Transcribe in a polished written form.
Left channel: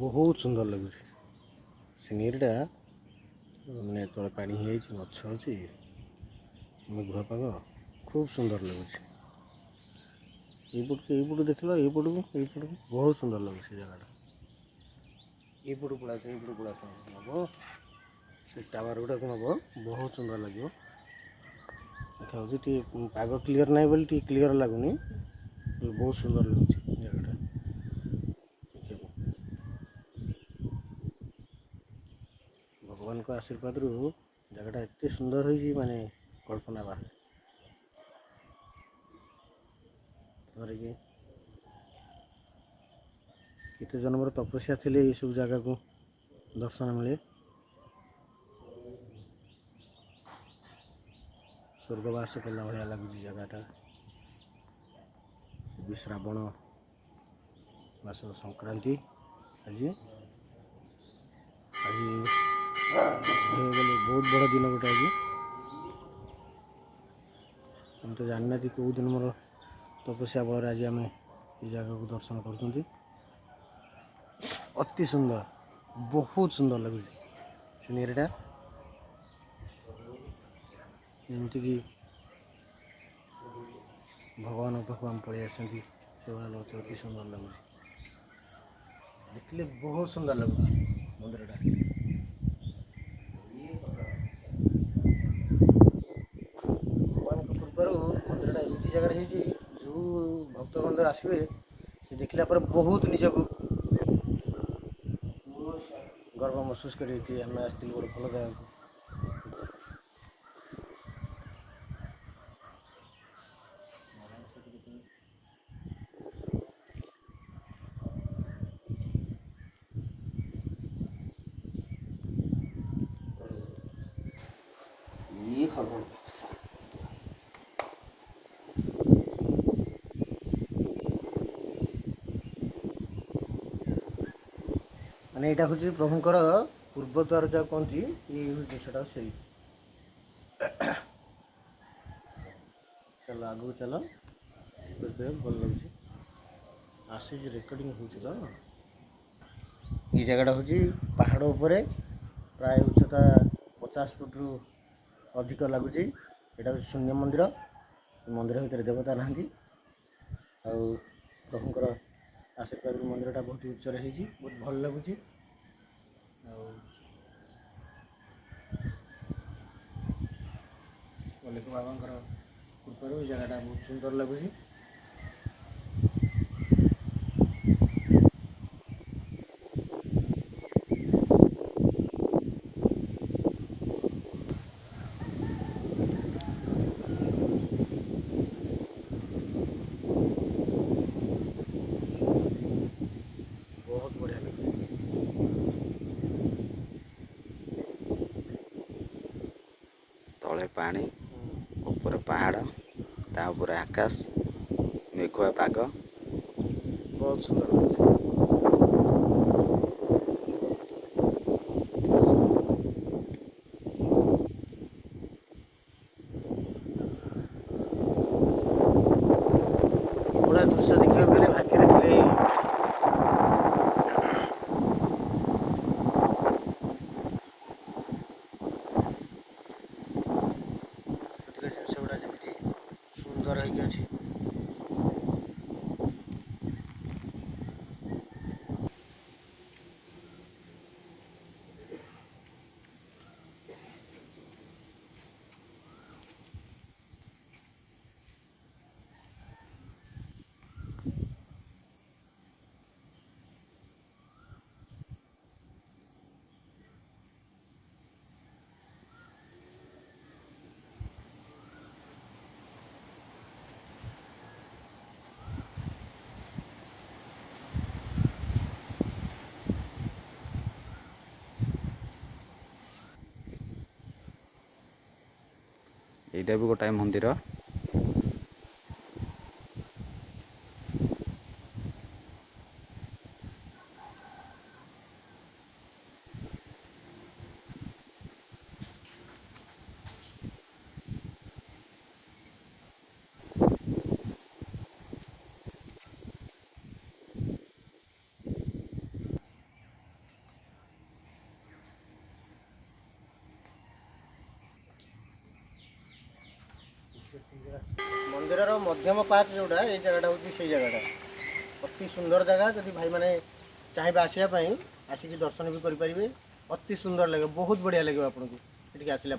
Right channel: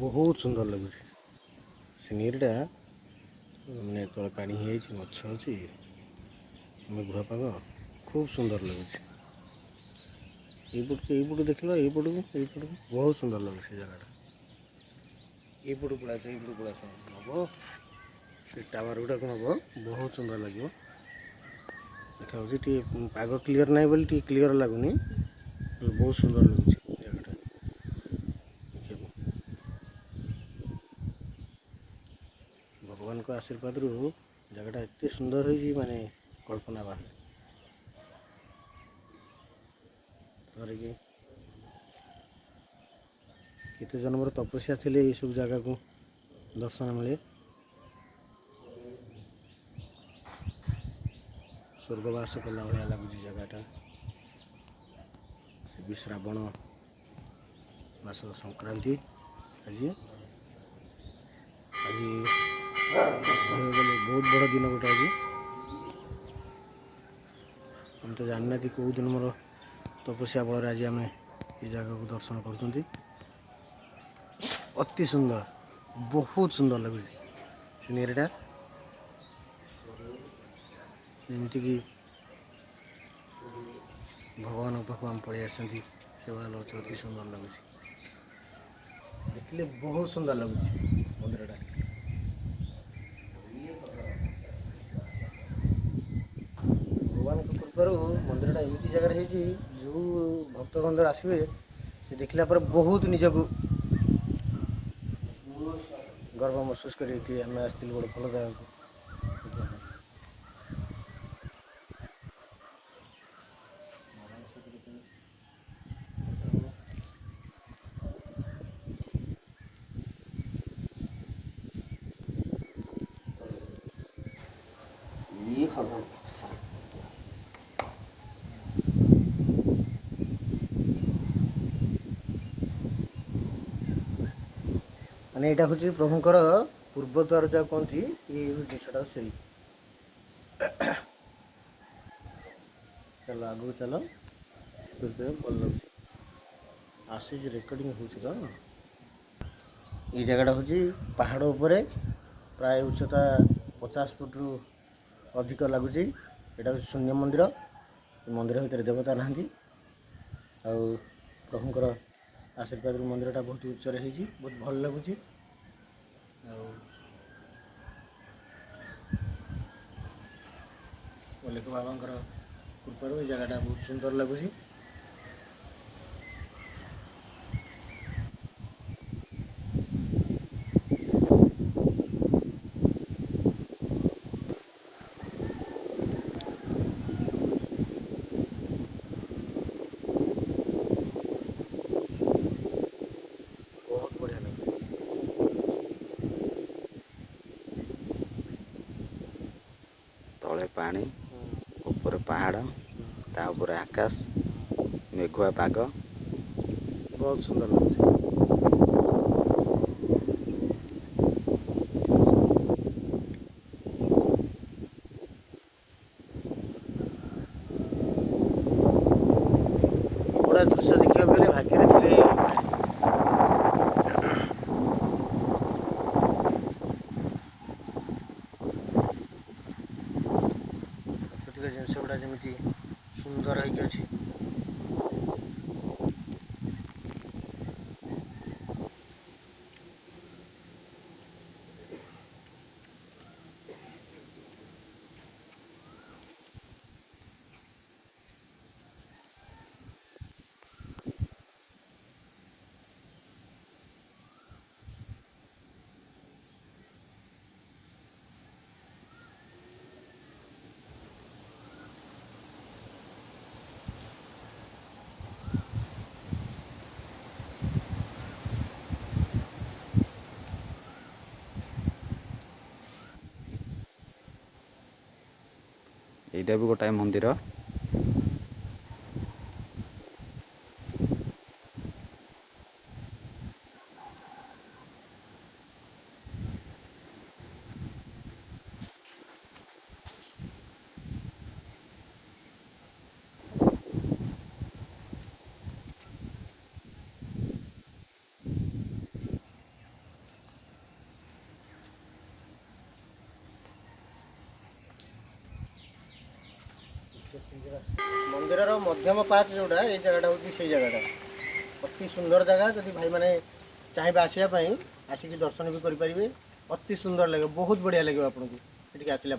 बहुत सुंदर लगुच सीनरीटा मैंने तले पानी गछ अच्छी मेघुआ पाग खूब सुंदर लगुच यपट देख लो यपट बहुत सुंदर लगे से जगह यपट पड़ा नब से टावर गुड़ाक नब बहुत सुंदर लगे पाग क्लीयर ना बोली क्लीयर लगुनि बहुत सुंदर लगुच जगह भगवान को आशीर्वाद रु जगह एत सुंदर हो माने कल्पना बाहर केते जन्मर तपस्या थिले ये सब जगह को दर्शन मिले स्वर्गवास कला भाया लगुच जगहटा भी श्रावण मास संक्रांति आज गले बहुत बड़ दिन गोटे आज हम तो जानना कौ दिन मोर तपस्या बल आज आम ये जगह को दर्शन कर अति सुंदर बहुत सुंदर लगुच सीनरीटा जमीक भगवान पाख आम पलि आस से भाया लगे अति सुंदर लगुच देखले बहुत सुंदर लगुच मंदिरटा भगवान कृपार मंदिरटा एमती जगह जो भक्त बंधु आसवे से देखला पर बहुत निजक गर्व महसूस करी आम आस गोटे भल जगह माने यहाँ हूँ प्रभुंर पूर्वद्वार जहाँ कहती ये जिनसा से चलो आगू चलो भल लगे आसूस रेकर्डिंग हो ये जगह हूँ पहाड़ उपर प्राय उच्चता 50 फुट रु अधिक लगुच यहाँ हूँ शून्य मंदिर मंदिर भितर देवता नहांती आ प्रभुंर आशीर्वाद मंदिरटा बहुत उच्च बहुत भल लगुच मल्लिक बाबा कृपार जगहटा बहुत सुंदर लगुच बहुत बढ़िया लगुच तले पानी ऊपर पहाड़ ता ऊपर आकाश मेघुआ पाग बहुत सुंदर लगुच बड़ा दृश्य देखा गले भाग्य थे जिनस गुड़ा जमी सुंदर होगी एटा भी गोटाए मंदिर मंदिर मध्यम पाच जोड़ा ये जगह हूँ से जगह अति सुंदर जगह जदि भाई मैंने चाहिए आसापी आसिक दर्शन भी करेंगे अति सुंदर लगे बहुत बढ़िया लगे आपको ये आसला।